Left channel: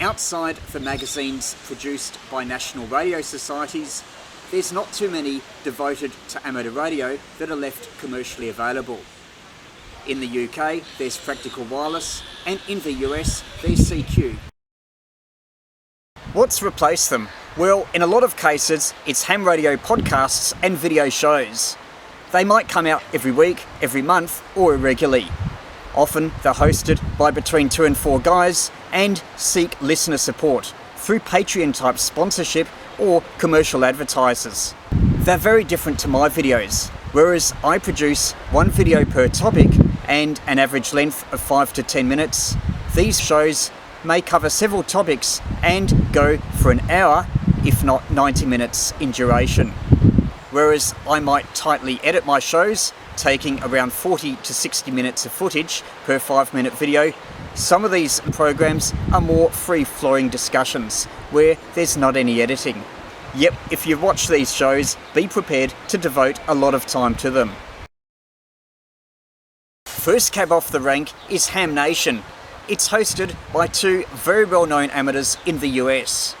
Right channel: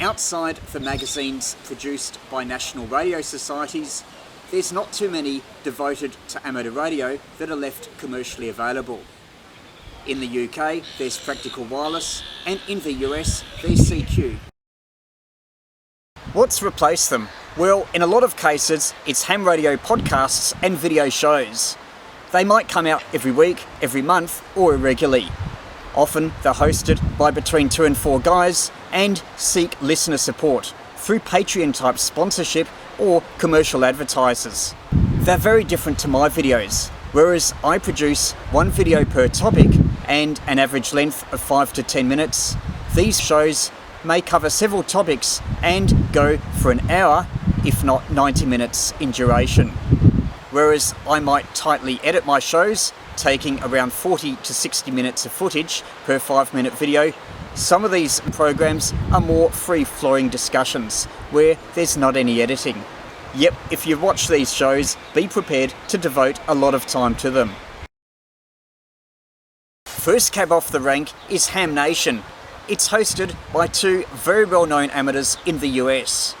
Outside the magazines produced by national radio societies, there's not too many devoted to amateur radio that are left commercially available. In the UK, there's Practical Wireless, and in the US, there's CQ. What's replaced them? Well, in a lot of cases, it's ham radio podcasts and video shows. They might come out every week, every month, or irregularly. Often they're hosted by between 2 and 4 guys and seek listener support through Patreon-type sponsorship or commercial advertisers. They're very different to my videos. Whereas I produce one video per topic and an average length of 5 to 10 minutes, these shows may cover several topics and go for an hour, if not 90 minutes in duration. Whereas I might tightly edit my shows, taking around 40 to 60 minutes of footage per 5-minute video, some of these programs are more free-flowing discussions where there's not any editing. Yep, if you watch these shows, be prepared to devote a lot of time to them. First cab off the rank is Ham Nation. It's hosted by 2 very well-known amateurs in the US.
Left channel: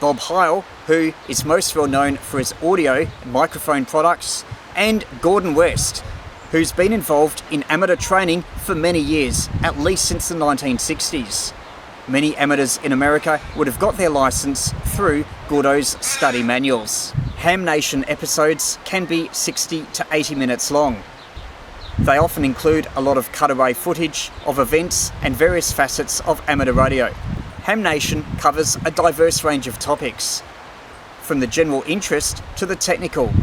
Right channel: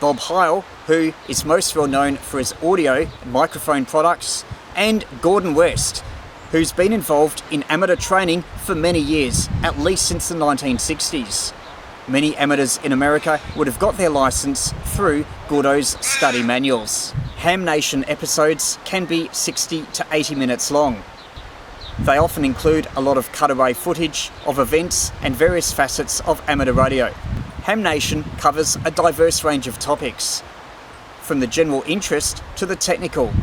Bob Heil, who is most well known for his audio and microphone products, and Gordon West, who's been involved in amateur training for many years, at least since the 1960s. Many amateurs in America would have got their license through Gordo's study manuals. Ham Nation episodes can be 60 to 80 minutes long. They often include a lot of cutaway footage of events and various facets of amateur radio. Ham Nation covers a diverse range of topics, from the general interest to the technical.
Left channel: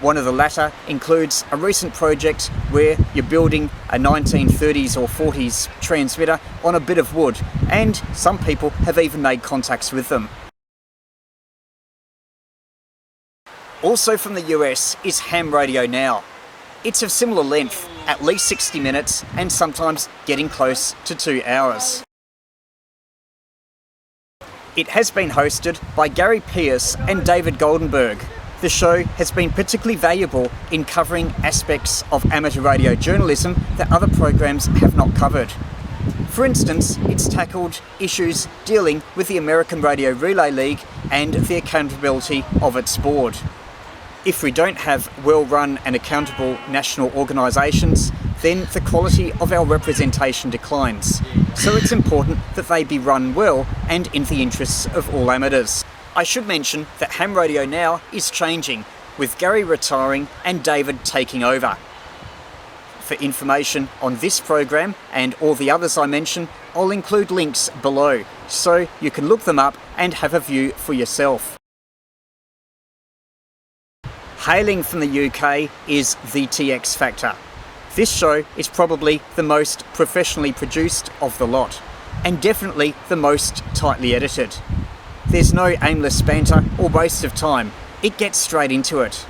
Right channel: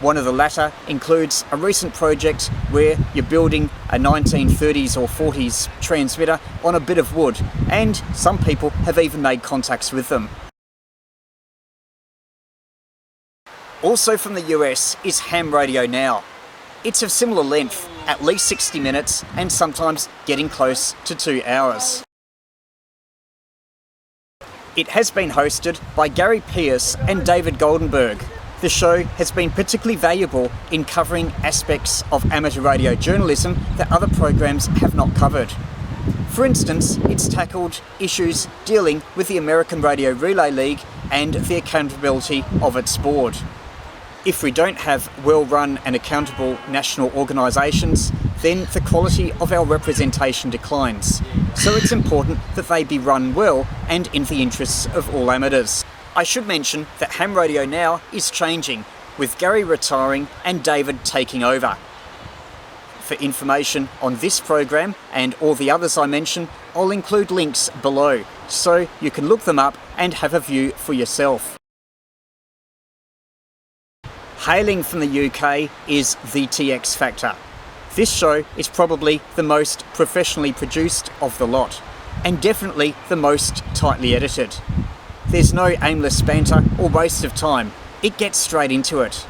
One of the latter includes a recent project where you're building a 1930s or 40s transmitter on a bit of wood, and some people have even made contacts with them. Also from the US is Ham Radio Now. It's of similar length, at least 60 minutes, and sometimes getting close to 2 hours. It has been hosted by Gary Pearce and David Goldenberg. The show has been particularly valuable in covering aspects of amateur radio journalism that other programs have not covered. For instance, it's tackled issues dealing with the American Radio Relay League and the accountability of its board. If we don't have well-run and accountable national organisations, then the quality of our representation declines. So it's important that they be run well and in the interests of all amateurs. I should mention that Ham Radio Now is changing, with Gary retiring and David taking over. For information on this program and all the others I mention, I'll include links below, so you can look them up and have a view for yourself. Hailing from the UK is Vtx Factor. This show is probably the most professionally produced of the lot, and definitely the most tightly edited. There's no aimless banter or waste of time. It gets straight into it.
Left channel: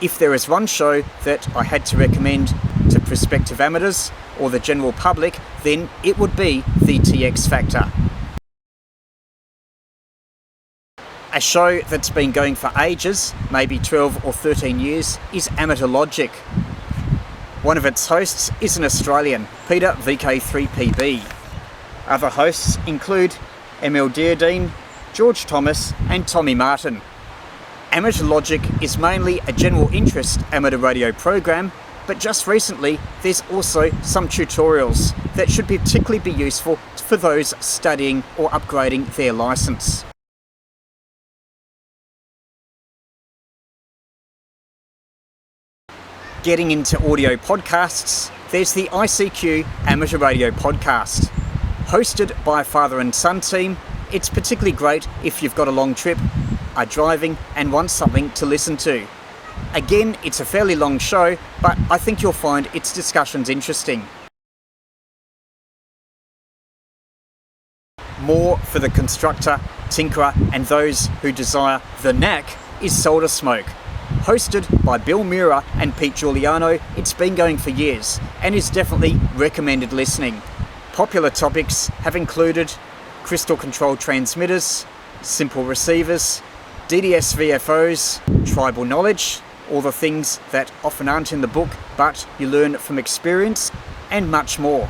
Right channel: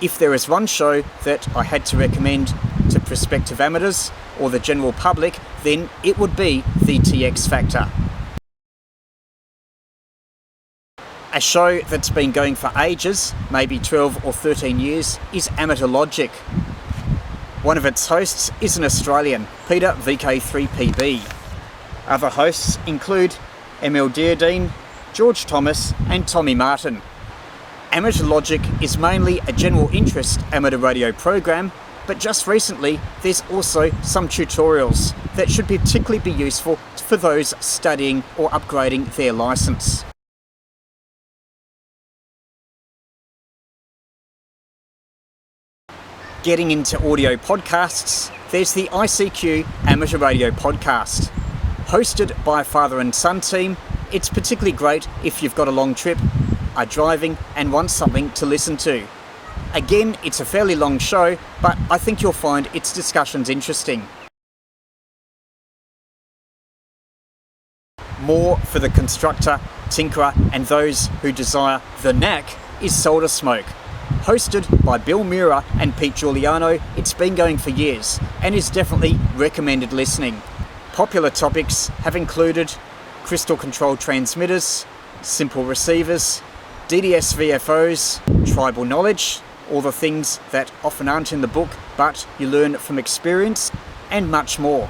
If there is one show that I had to recommend to prospective amateurs or the general public, then it would be Vtx Factor. A show that's been going for ages, maybe 12 or 13 years, is Amateur Logic. One of its hosts is an Australian, Peter VK3YE. Other hosts include Emil Deardine, George Thomas and Tommy Martin. Amateur Logic is mainly a general interest amateur radio program, but just recently there's also some tutorials that should particularly be useful for those studying or upgrading their license. Getting into audio podcasts, there's the ICQ Amateur Radio Podcast. Hosted by a father and son team, it's particularly great if you've got a long trip, are driving and want something to listen to. Again, it's a fairly long show, but I think you'll find its discussions interesting. More for the constructor, tinkerer and those who desire the knack is Solder Smoke. Hosted by Bill Muir and Pete Giuliano, it's been going for years and is definitely recommended listening. Popular topics have included crystal control transmitters, simple receivers, DDS VFOs, tribal knowledge, all the things that often aren't in the book but you learn from experience, and much more.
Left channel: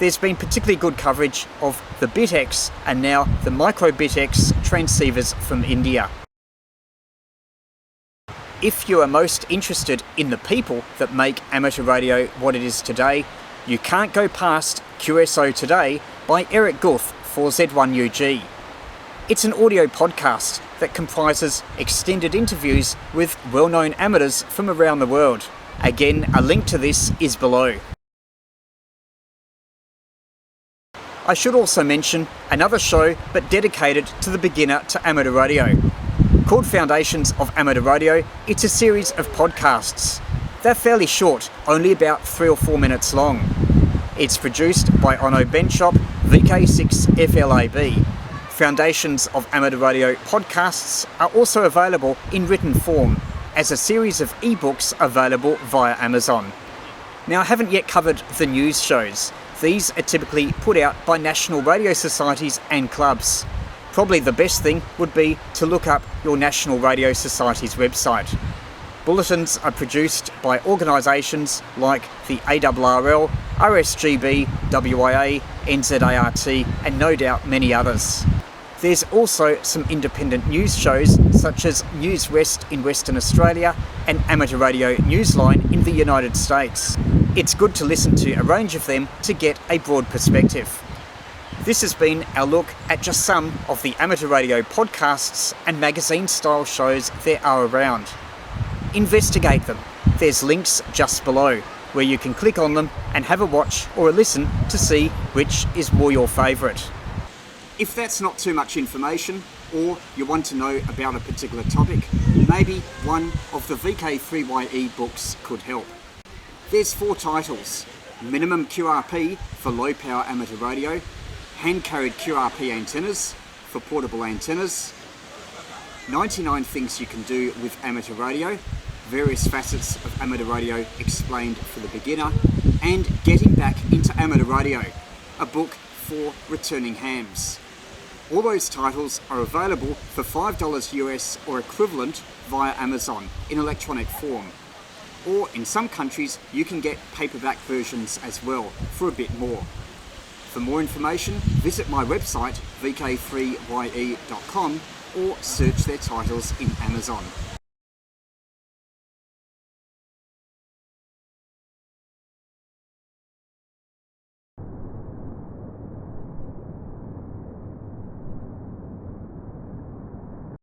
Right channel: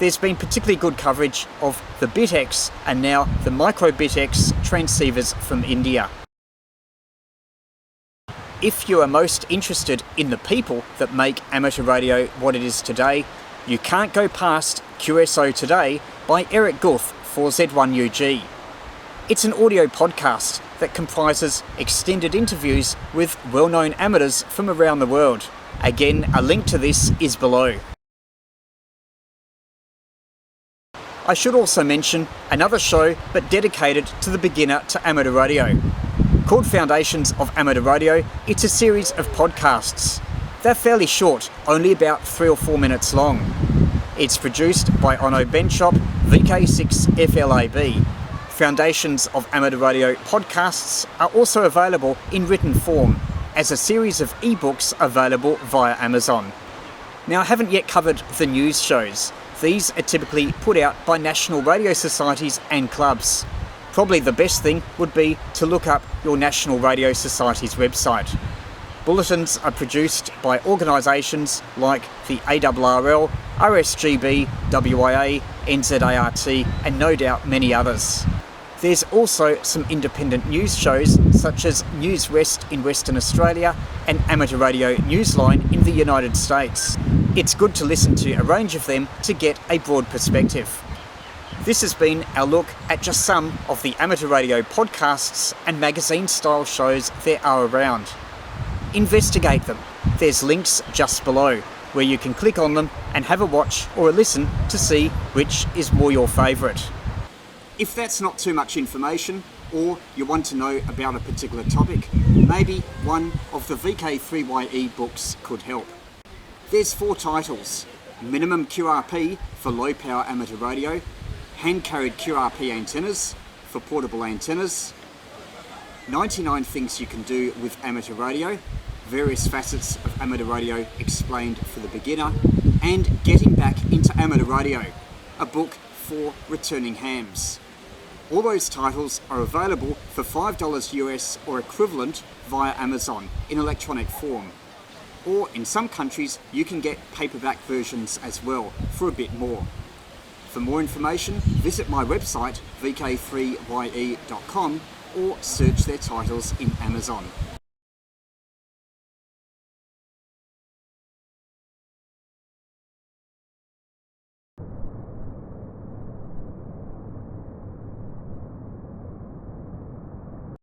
There's been particularly good coverage of the Vtx and now the micro Vtx transceivers from India. If you are most interested in the people that make amateur radio what it is today, you can't go past QSO Today by Eric Guth for Z1UG. It's an audio podcast that comprises extended interviews with well-known amateurs from around the world. Again, a link to this is below. I should also mention another show but dedicated to the beginner to amateur radio. Called Foundations of Amateur Radio, it's a series of podcasts. They're fairly short, only about 3 or 4 minutes long. It's produced by Onno Benchop, VK3YE. Foundations of Amateur Radio podcasts are also available in written form as a series of ebooks available via Amazon. Now, I haven't yet covered the news shows. These are typically put out by national radio societies and clubs. Probably the best thing would be to look up your National Radio Society's website. Bulletins are produced by organisations like the ARRL, RSGB, WIA, NZART, and no doubt many others. There's also some independent news shows such as News West in Western Australia and Amateur Radio Newsline in the United States. It's good to listen to a range of them to get a broad perspective. This has been our look at just some of the amateur radio podcasts and magazine-style shows there are around. Investigate them. There's links just below where you can click on them and have a watch or a listen to see which is more your favourite. If that's not too much information, or you want to know about a particular topic, maybe one of the VK3YE books could help. There's 4 titles: Minimum QRP for low power amateur radio, Hand-carried QRP antennas for portable antennas, 99 things you can do with amateur radio, various facets of amateur radio explained for the beginner, and Getting Back into Amateur Radio, a book for returning hams. All those titles are available for $5 US or equivalent via Amazon in electronic form. Or in some countries you can get paperback versions as well for a bit more. For more information, visit my website vk3ye.com or search their titles in Amazon.